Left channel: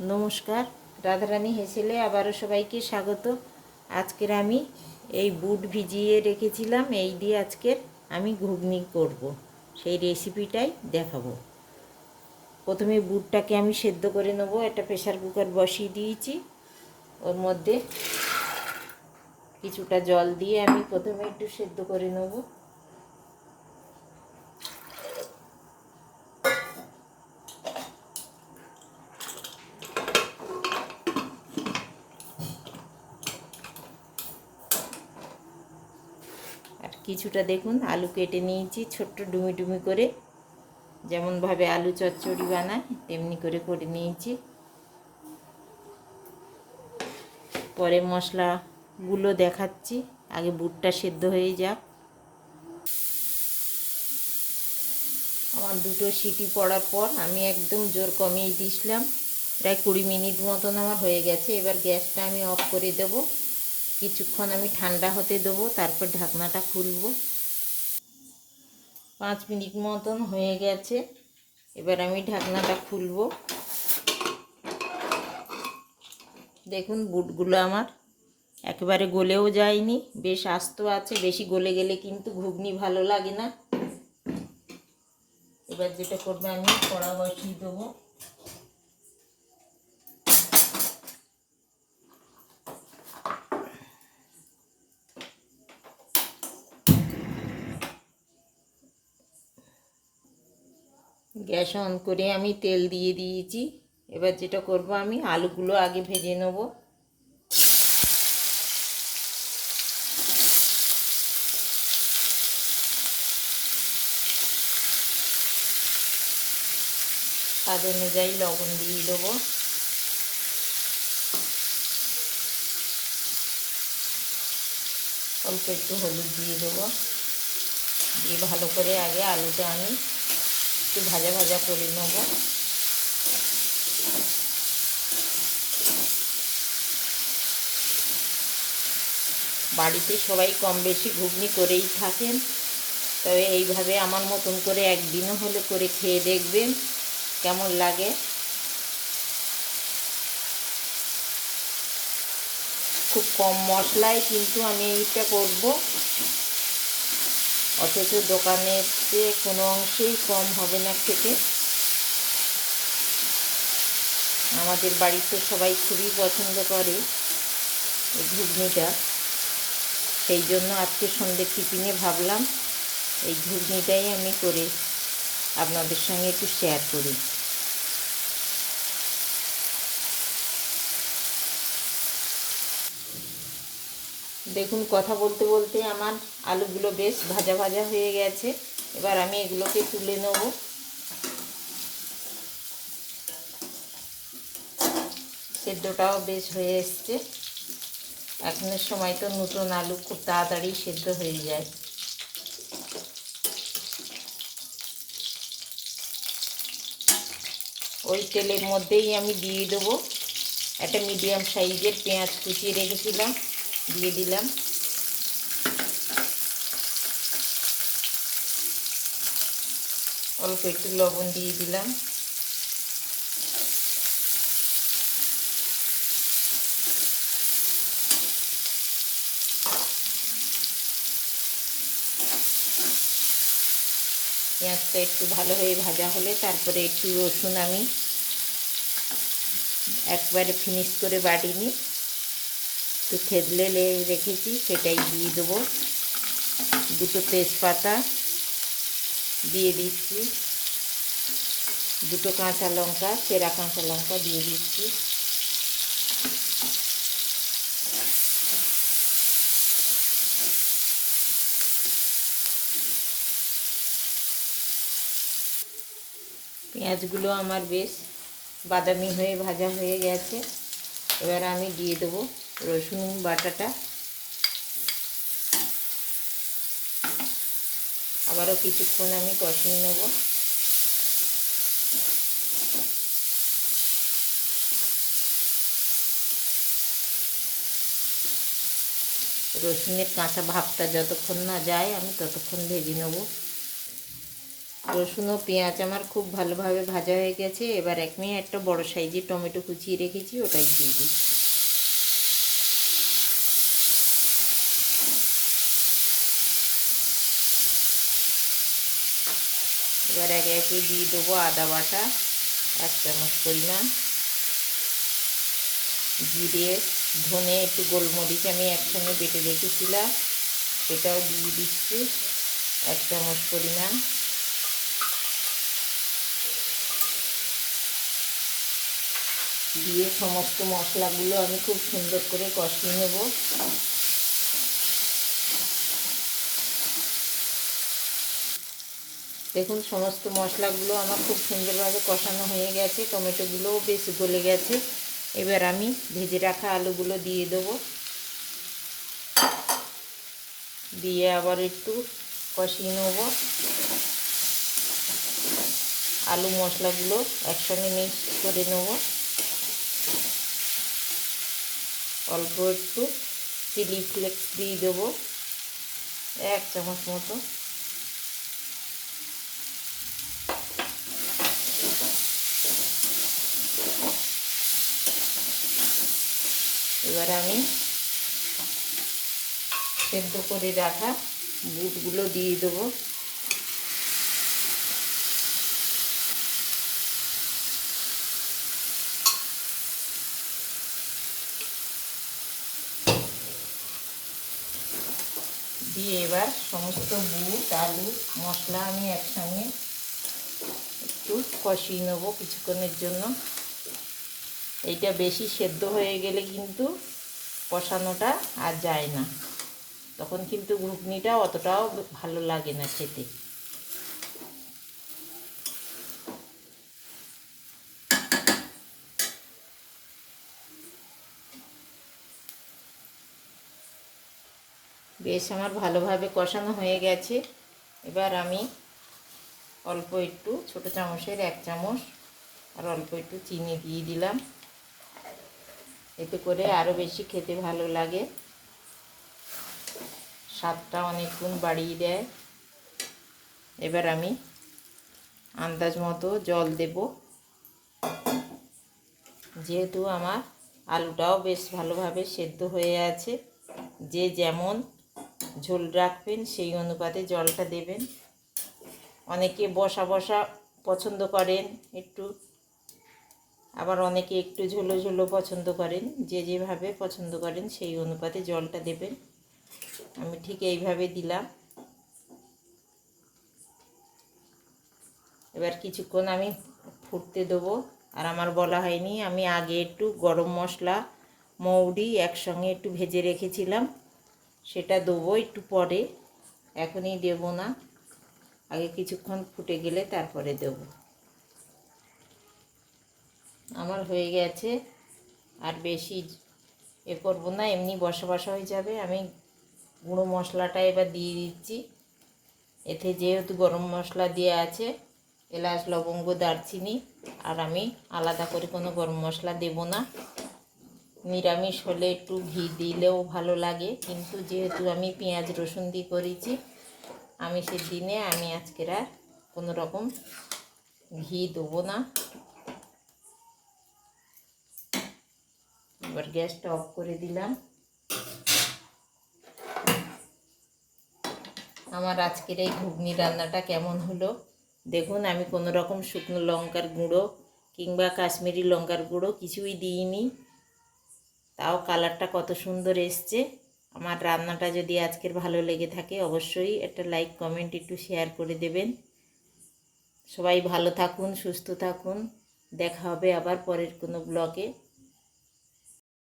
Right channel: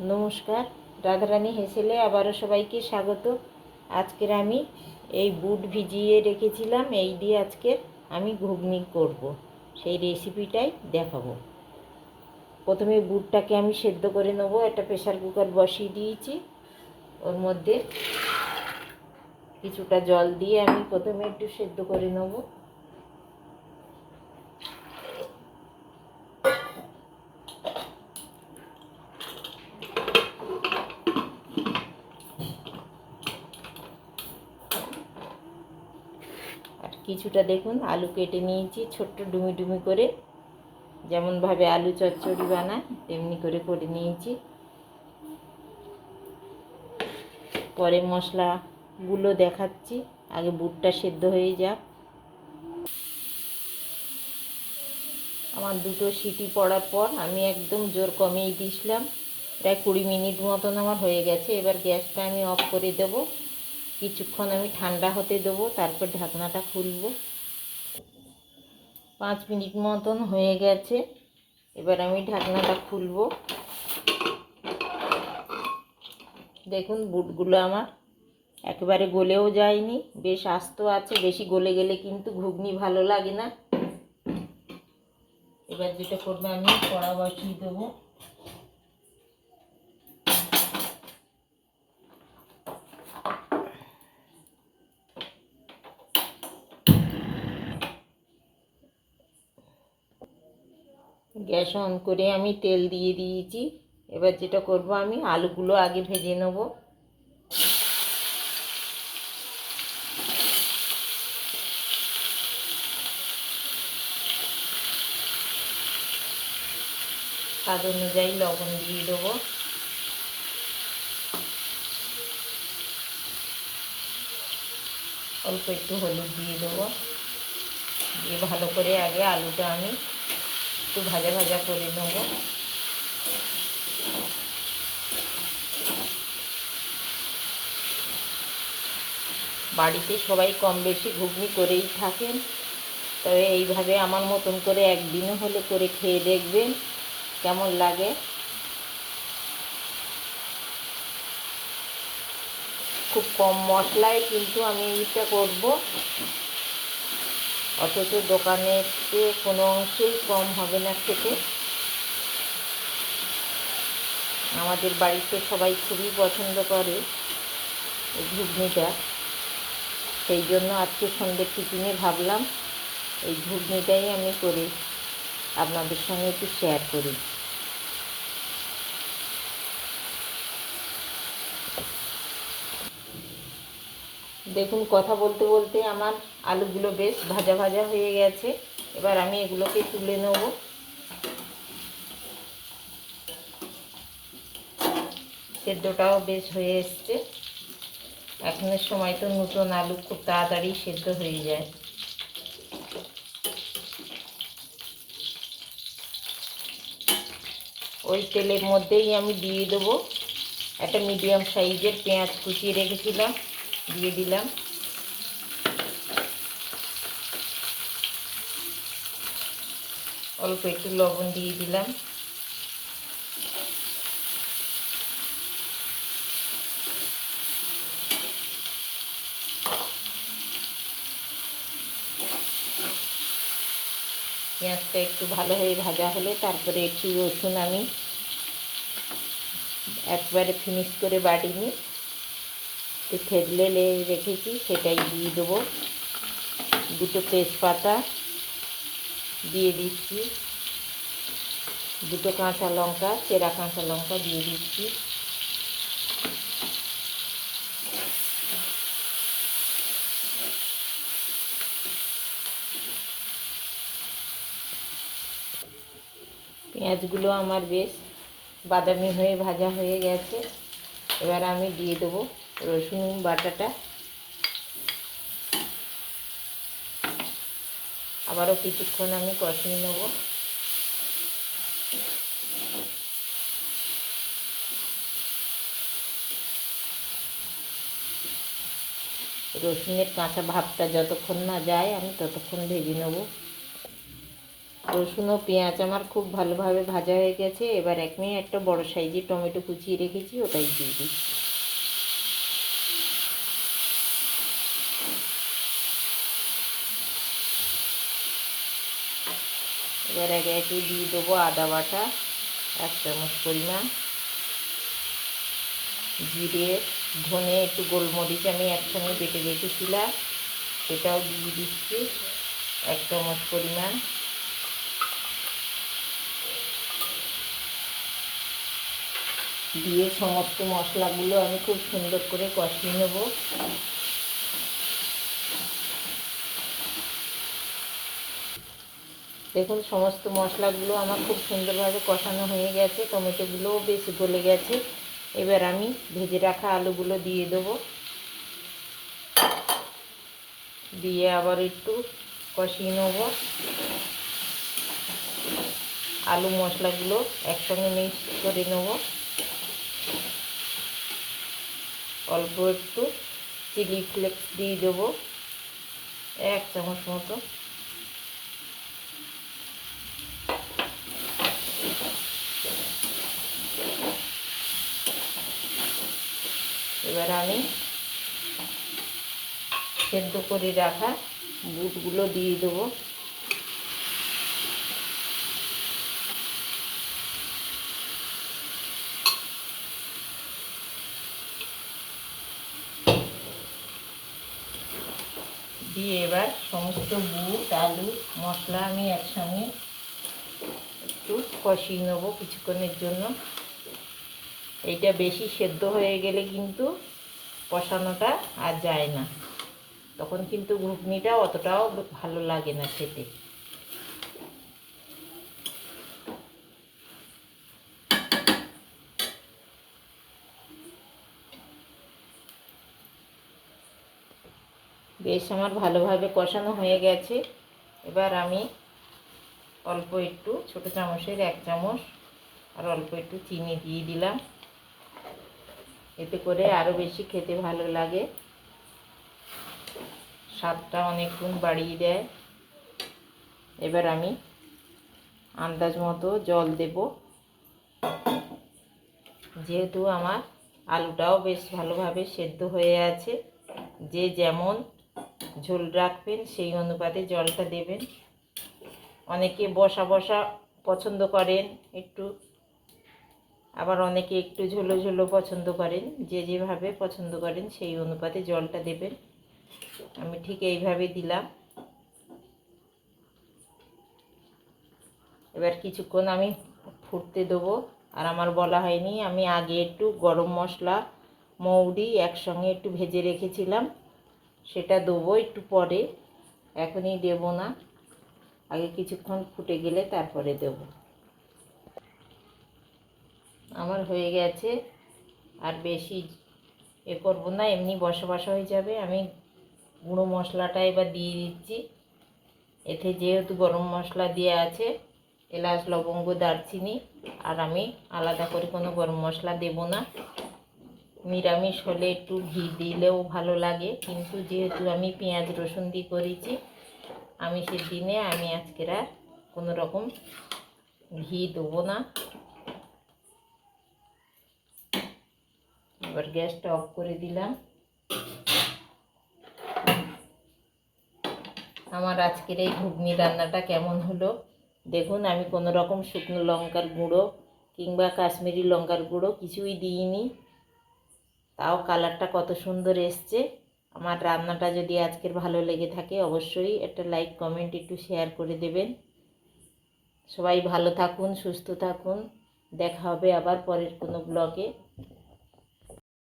নমস্কার, রাধারানী হেসেলে আবারও সবাইকে স্বাগত। আজকের আমি এই বুট ভিজিয়ে রেখেছিলাম, এই দিয়ে আজকের আমি ঘুগনি করব, সেই রেসিপিটাই দেখাবো। প্রথমে বুটটাকে আমি সেদ্ধ করে নেব। একটা প্রেসার কুকার বসিয়ে দিয়েছি, ওর মধ্যে কিছুটা জল দিয়ে আমি প্রথমে একটু সেদ্ধ করে নেব। আর কিছুটা দেখুন আলু কেটে নিয়েছি ছোট্ট ডুমি ডুমি করে, যেমনভাবে আলু চচ্চড়ি বানায় তেমনি করে করে নিয়েছি। পরে মশলাগুলো দেখাচ্ছি, আগে বুটটা সেদ্ধ হয়ে যাক। আমার দুটো সিটি পড়ার পর আমি একদম জোর কমিয়ে দিয়েছিলাম, প্রায় 20 মিনিট মতন আমার হয়ে গেছে। এবার গ্যাসটা আমি অফ করে দেব, কিছুক্ষণ আমি ঠান্ডা হতে দেবো, তারপর ঢাকনাটা খুলব। 5 মিনিট মতন হয়ে গেছে, এবার আমি ঢাকনাটা খুলব। দেখুন বুটগুলো আমার একেবারে গলেও যায়নি, বেশ আস্ত আছে। বেশি গলে গেলে কিন্তু ঘুগনি ভালো লাগে না। এবার যেটা করবো, আমি কড়া বসিয়ে দেবো। গ্যাস অন করে আমি তেল দিয়ে দিয়েছি। এবার যেটা করব, আমি আলুগুলো আগে ভেজে নেব। স্বাদ অনুযায়ী লবণ দিয়ে দেবো। অল্প একটু হলুদ দিয়ে দেবো। দিয়ে ভালো করে আগে আলুটা আমি একটু ভাজা ভাজা করে নেব। বাড়িতে সবাই কম বেশি ঘুগনি করেই থাকেন, তবে এইভাবে আমার মতন করে একদিনও হলে করে খেয়ে দেখবেন কেমন লাগে। খুব কম মশলায় কিন্তু আমি এইটা করব, অথচ দোকানের চেয়ে কোনো অংশেই কম হবে না খেতে। আমাদের বাড়িতে সবাই খুবই পছন্দ করে এই ঘুগনিটা, সেই জন্য আজকে সন্ধ্যে টিফিনে ভাবলাম এই ঘুগনিটাই আমি করে আপনাদের সঙ্গে একটু শেয়ার করি। দেখুন কথা বলতে বলতে আমার আলুগুলো বেশ ভাজা ভাজা হয়ে গেছে। এবার আমি এগুলোকে তুলে নেব। সেদ্ধটাও বেশ হয়ে এসছে। এখনের সময় তো নতুন আলু খুব তাড়াতাড়ি সেদ্ধ হয়ে যায়। ওই তেলের মধ্যেই আমি দিয়ে দেবো একটা মিডিয়াম সাইজের পেঁয়াজ কুচিয়ে রেখেছিলাম, দিয়ে দিলাম। অল্প একটু লবণ দিয়ে দিলাম। পেঁয়াজটা একটু ভালো হয়ে ভাজা হলে তারপরে একটু রসুন আমি একবারে ফিনিশ করে বাটিনি, একটু থেতলে রেখেছি, সেটাই দিয়ে দেবো। দুটো তেজপাতা দিয়ে দিচ্ছি, দুটো কাঁচা লঙ্কা, চেরা কাঁচা লঙ্কা দিয়ে দিচ্ছি। পেঁয়াজগুলো আমার বেশ বাদামি হয়ে ভাজা হয়ে গেছে। এবার আমি দিয়ে দেবো রসুন বাটাটা। আবারও কিছুক্ষণ আমি কষিয়ে নেব। রসুনের কাঁচা ভাবটা যতক্ষণ না যায় আমি ততক্ষণ ভেজে নেব। রসুন ও পেঁয়াজ আমার খুব ভালোভাবে ভাজা হয়ে গেছে। এবার একটা বড় সাইজের টমেটো কুচিয়ে রেখেছি, ওটাই দিয়ে দিচ্ছি। এবার একে একে দিয়ে দেবো আদা বাটা 1 চামচ পরিমাণ, জিরে, ধনে, একটু গোলমরিচ আমি একসঙ্গে বেটে রেখেছিলাম, সেটাও দিয়ে দিচ্ছি 1 চামচ পরিমাণ। দিয়ে সমস্ত মশলাগুলো আমি খুব সুন্দর করে কষিয়ে নেব। দেখুন সমস্ত মশলাগুলো আমার খুব সুন্দরভাবে কষানো হয়ে গেছে, টমেটোগুলোও বেশ গলে গেছে। এবার আমি ভেজে রাখা আলুগুলো দিয়ে দেবো, দিয়ে আবার একটু কষিয়ে নেব। আলু মশলাগুলো একসঙ্গে মিক্স করে নেব। অল্প একটু চিলি ফ্লেক্স দিয়ে দেবো 1 চামচ মতো। এবার আমি সেদ্ধ করে রাখা বুটগুলো দিয়ে দেবো। দিয়ে এবার সমস্ত বুট, আলু, মশলা আমি একসঙ্গে একটু কষিয়ে নেব কিছুক্ষণের জন্য। এইটা বেশি সেদ্ধ হয়ে গেলে কিন্তু কষানোটা আর যায় না, তখন কিন্তু ঘুগনিটা অতটাও ভালো লাগে না খেতে। বেশ আমার ভালোভাবে কষানো হয়ে গেছে। এবার আমি অল্প একটু ছোটো চামচের 1 চামচ আর অল্প একটু চিনি দিয়ে দিলাম, এতে করে আরও বেশি খেতে ভালো লাগে, স্বাদটা অনেক গুণ বাড়িয়ে দেয়। এবার আমি আন্দাজ মতো জল দেব, যেহেতু আমার আলুটাও বেশ ভালোভাবে সেদ্ধ হয়ে আছে। যে যেমন ঝোল রাখবেন সেই অনুপাতে জলটা দেবেন। অনেকে বসা বসা পছন্দ করেন একটু, আবার অনেকে একটু ঝোলো ঝোলো পছন্দ করেন। যে যেভাবে পছন্দ করেন সেই অনুপাতে জলটা দেবেন। আমি ঠিক এইভাবে দিলাম। এবার কিছুক্ষণ আমি ফুটতে দেবো। আর আমার বলা হয়নি, আমি আগে একটু গরম মশলা, মৌরি একসঙ্গে একটু ভেজে রেখেছিলাম, সেটা দেবো একটু পরে, এখনই দেব না, আগে কিছুক্ষণ ফুটে গেলে তারপরে দেব। আমার হয়ে গেছে, আর বেশি করবো না, এমনি বসা বসা হয়ে যাবে। আমি গুঁড়ো মশলাটা এবার দিয়ে দিচ্ছি। এতে যেহেতু গরম মশলা দেওয়া আছে, এলাচ, লবঙ্গ, দারচিনি, আর আমি আলাদা করে কোনো গরম মশলা দেব না। নিরামিষ হলে একটু ঘি দিলেও ভালো লাগে, কিন্তু যেহেতু আমি পেঁয়াজ রসুন দিয়ে করেছি, আমিষের দিনে আমি আজকের আর কোনো রকম ঘি দেবো না। এবার গ্যাসটা অফ করে দিলাম। আমার আজকের এই ঘুগনি রান্নাটা কেমন হলো দেখুন। আমি কোনো রকম শুকনো লঙ্কার গুঁড়ো কিংবা কাশ্মীরি লঙ্কার গুঁড়ো কিছুই দিইনি, তাও কালারটা কত সুন্দর এসছে। আমার রান্নাটা যদি আজকের ভালো লেগে থাকে অবশ্যই একটা লাইক, কমেন্ট, একটু শেয়ার করে দেবেন। সবাই ভালো থাকুন, সুস্থ থাকুন। দেখা হবে আবার পরের কোনো ব্লগে।